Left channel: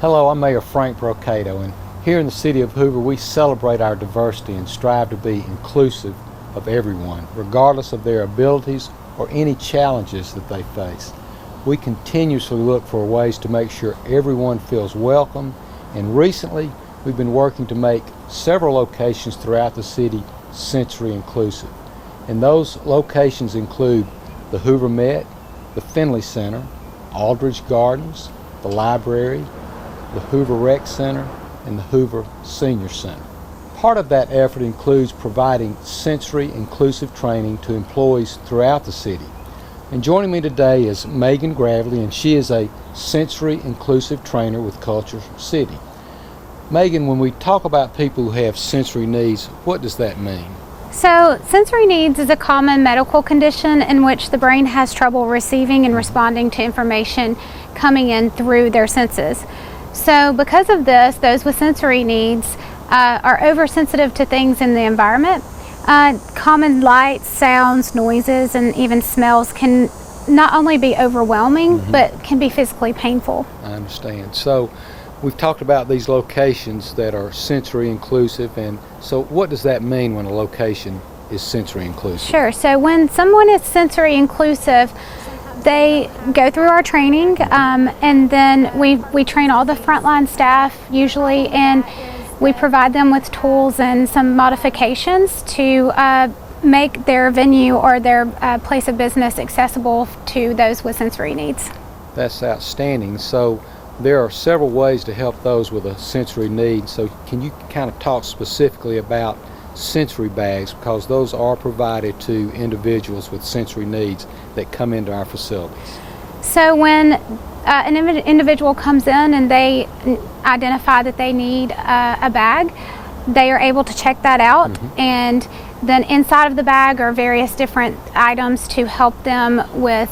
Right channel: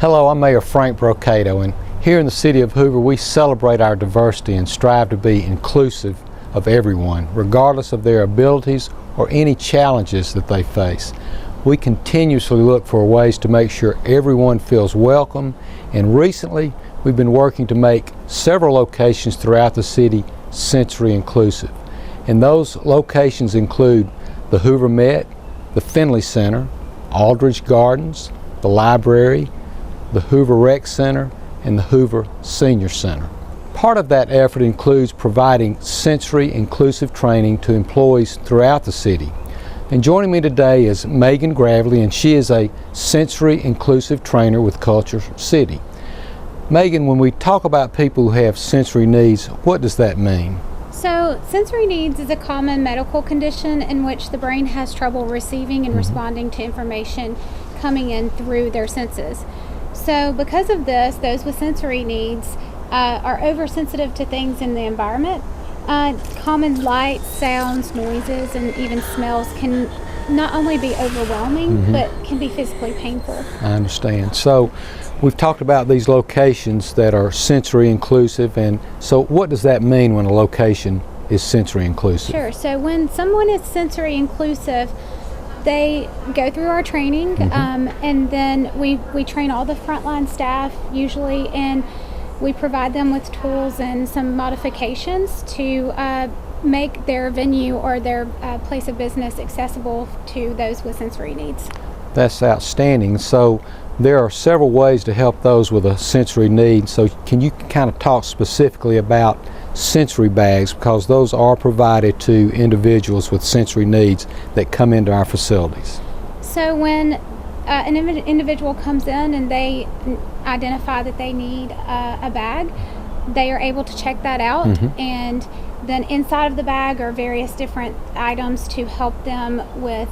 Hello, I'm Mayor Frank Brocato, and here in the City of Hoover we celebrate our diversity and strive to be inclusive of everyone, regardless of their abilities or any challenges that they face. We continuously look for ways to make sure everyone feels welcome, and recently we've been working to make several locations throughout the city sensory inclusive. And those locations include the Hoover Met, the Finley Center, Aldridge Gardens, the library, the Hoover Rec Center, and the Hoover Senior Center. Part of that effort includes providing sensory inclusive training to employees throughout the city. And joining me today is Megan Gravely, and she is a sensory inclusive trainer with Culture City. Megan, when we talk about people who have sensory needs, what does that mean? So, sensory needs is a common medical condition in which the brain has trouble receiving and responding to information coming in through their senses. So because of this, those with sensory needs are oversensitive to things in the environment. Common lights, sounds, noises, and even smells can not only be overwhelming, but can be physically painful. I understand. So we've talked about these locations that are sensory inclusive, and so what does that mean when a location is sensory inclusive? Sure. So when someone is sensory inclusive, they go through our training, and then we train all the frontline staff usually, and we provide them with tools and some modifications to make their venue or their place of business accessible to those with sensory needs. That's outstanding. So there are several ways to help those with a sensory need. So can you kind of talk specifically about sensory bags, because those are provided to individuals with sensory needs that come into our facilities? So when an individual comes in and they identify that they need a bag, they are able to check that out, and then inside of the bag are various different items to help them with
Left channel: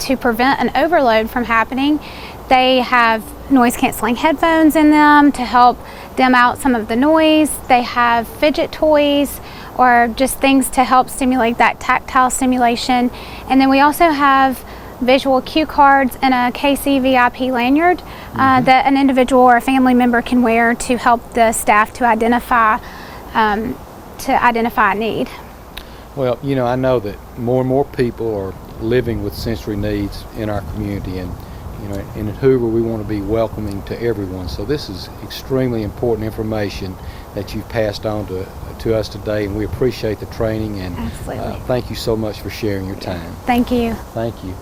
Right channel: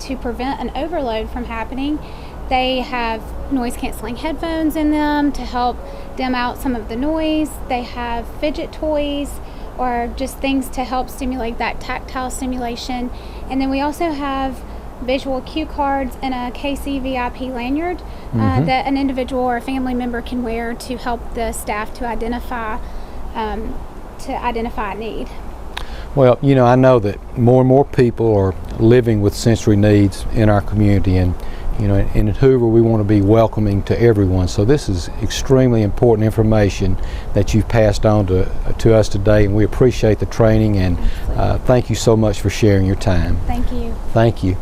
to prevent an overload from happening. They have noise canceling headphones in them to help dim out some of the noise. They have fidget toys or just things to help stimulate that tactile stimulation. And then we also have visual cue cards and a KC VIP lanyard that an individual or a family member can wear to help the staff to identify a need. Well, you know, I know that more and more people are living with sensory needs in our community, and you know, in Hoover we want to be welcoming to everyone. So this is extremely important information that you've passed on to us today, and we appreciate the training, and thank you so much for sharing your time. Thank you. Thank you.